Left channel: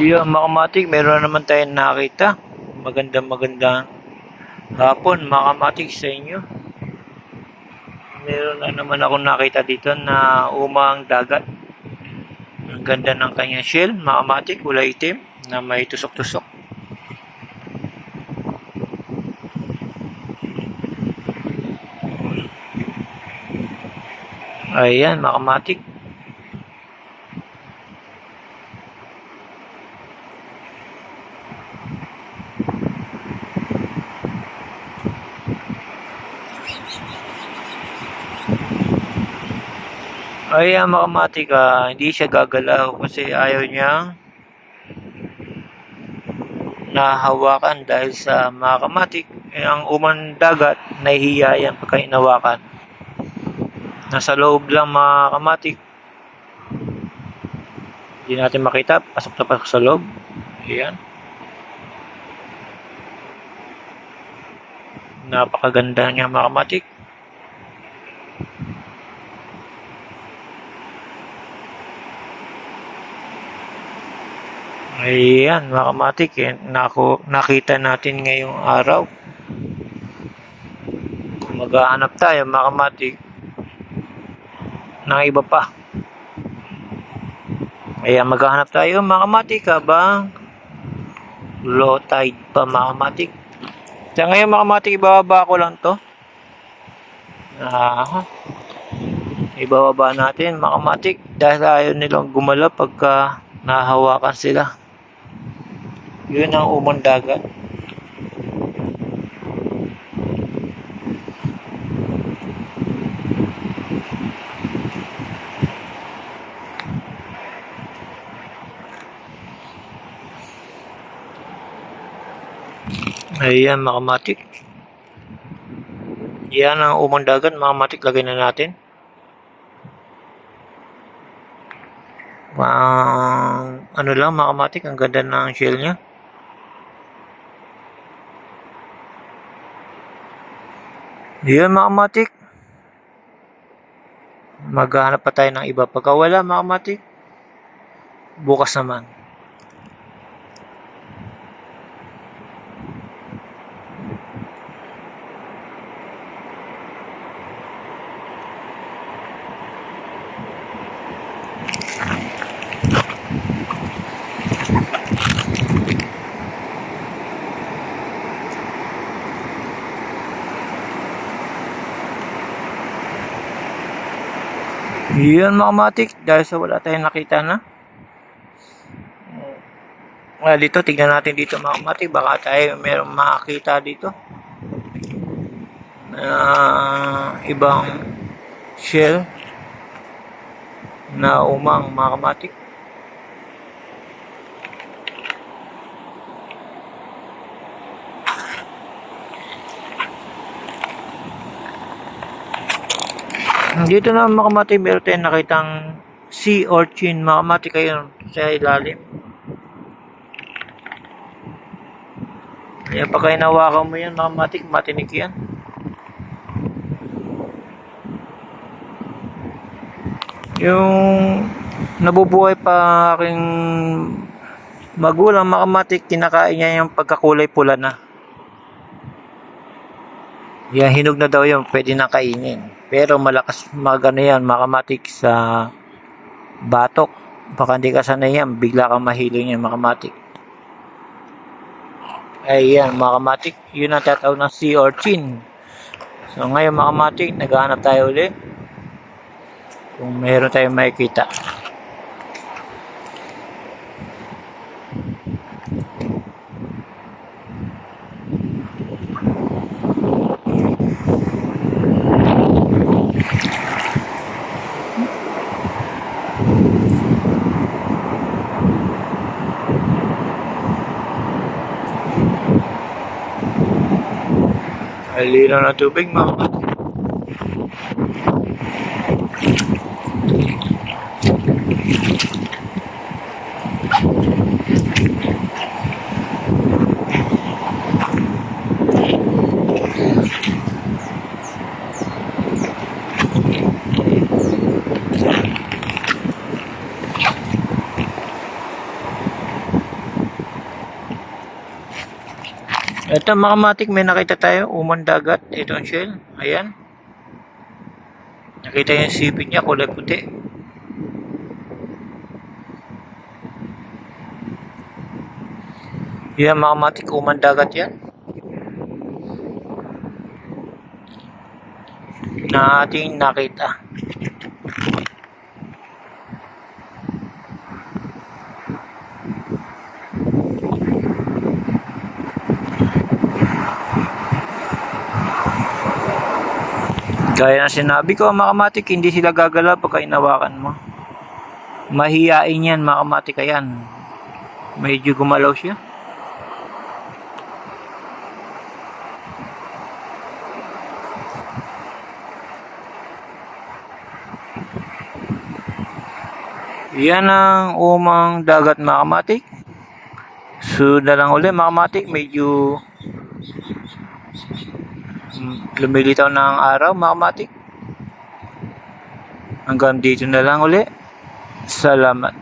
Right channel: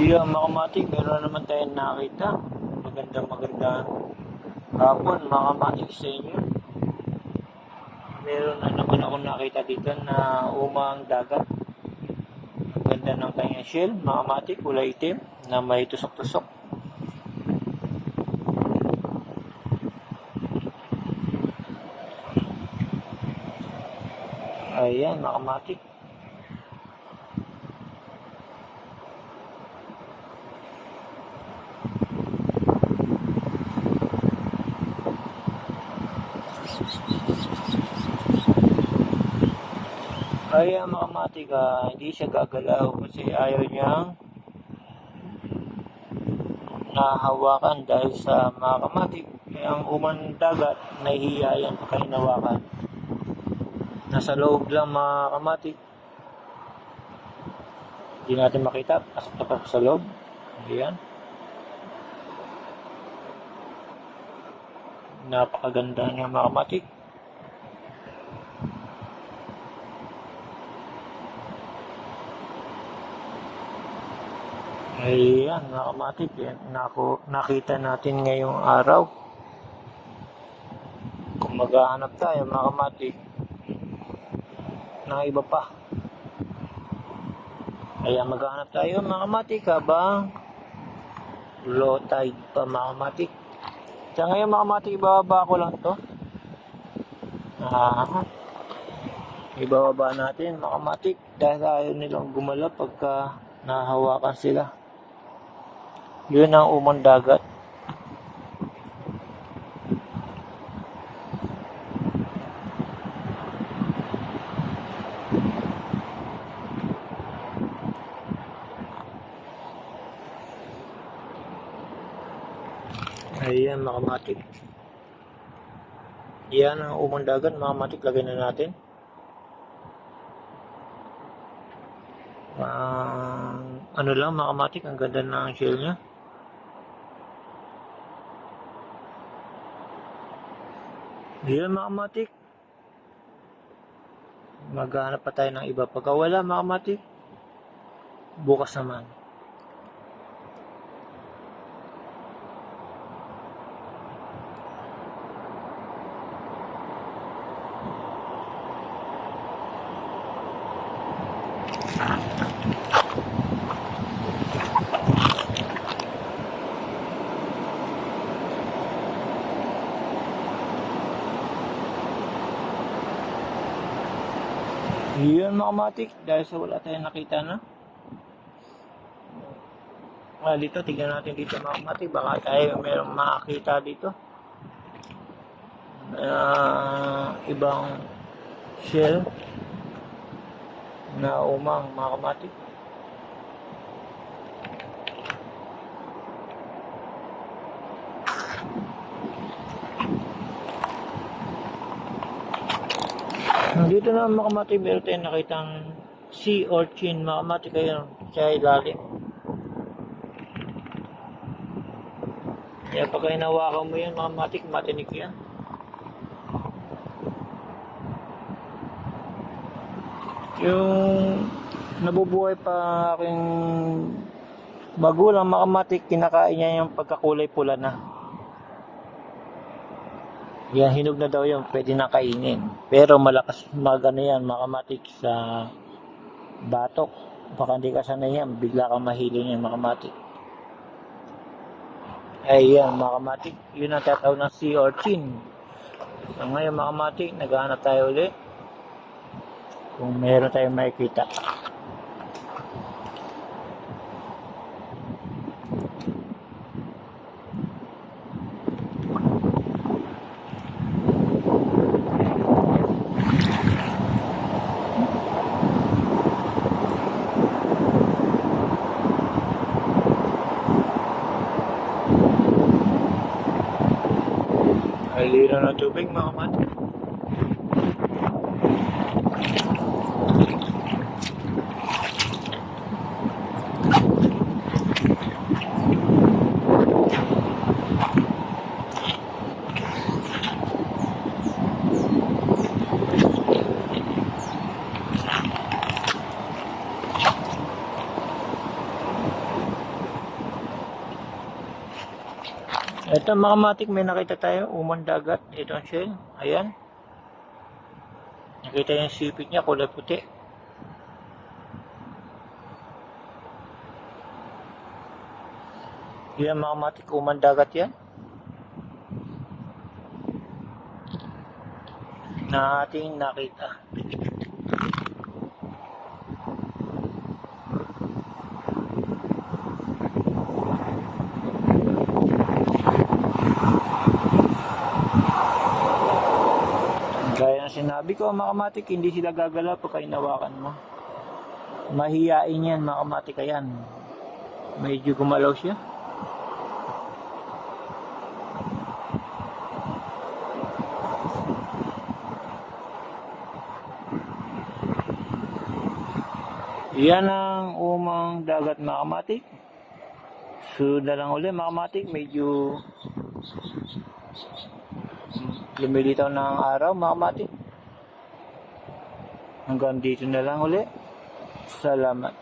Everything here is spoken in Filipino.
Yung mga meron na naman tayong nakita. Magandang magandang hapon mga kamatik sa inyo. Meron na naman ako nakita dito na umang dagat. Ang ganda ng kanyang shell, mga kulay itim na may tusok-tusok. Ayan, mga. Ayan, mga kamatik, ah, hindi siya gagalaw kasi ayaw niyang nahawakan dahil sa mga kamatik. Eh, ang umang dagat, nahihiya yan pagka inawakan. Nasa loob lang mga kamatik. Hindi natin makita. Pasok na pasok sa loob. Ayan. Napakaganda niya mga Ayan mga kamatik. Eh, nako, nakita natin ngayong araw. Kung maghahanap tayo mga kamatik ng iba pa. Ayan, maghahanap tayo mga kamatik habang low tide pa mga kamatik. Sa ngayon mga kamatik, ibababa ko lang to. Ah, ibababa natin mga kamatik dahil ayaw nilang gumalaw pagka nahawakan sila. Yun ang umang dagat. Ayan, mga kamatik. Yan ang umang dagat, mga kamatik. Lagay na natin. Ang ano lang, mga. Ang ganda ng shell niya. Yan, mga kamatik. Maghahanap pa tayo ng iba. Pagka wala, mga kamatik, bukas naman. Yun mga matik, dahil sa wala tayong nakita na. Well, dito, tignan natin dito mga matik, baka tayo meron makakita dito. Na ibang shell na umang mga kamatik. Dito na mga kamati, meron tayong nakitang sea urchin. Mga kamati kayo sa ilalim. Kaya pagka inawakan mo yan, mga kamati, matinik yan. Yung nabubuhay pa aking magulang, mga kamati, kinakain niya yung pagkakulay pula na. Yan, hinog na daw yun, pwede na kainin. Pero malakas magano yan, makamatik sa batok. Baka hindi ka sanay yan, bigla kang mahiling yan, makamatik. Ayan, makamatik, yun ang tatawag ng sea urchin. So ngayon makamatik, naghahanap tayo ulit. Kung meron tayong makikita. Hallo big Mamat. Ito mga kamatik, may nakita tayo, umang dagat. Ito ang shell. Ayan. Nakita yung sipit niya, kulay puti. Yan mga kamatik, umang dagat yan. Na ating nakita. Gaya ng sinabi ko, mga kamatik, hindi sila gagalaw pagka inawakan mo. Mahiyain yan, mga kamatik, ayan. Medyo gumalaw siya. Yan ang umang dagat, mga kamatik. Sunod na lang uli, mga kamatik, medyo lumilitaw ng araw, mga kamatik. Hanggang dito na lang uli. Salamat.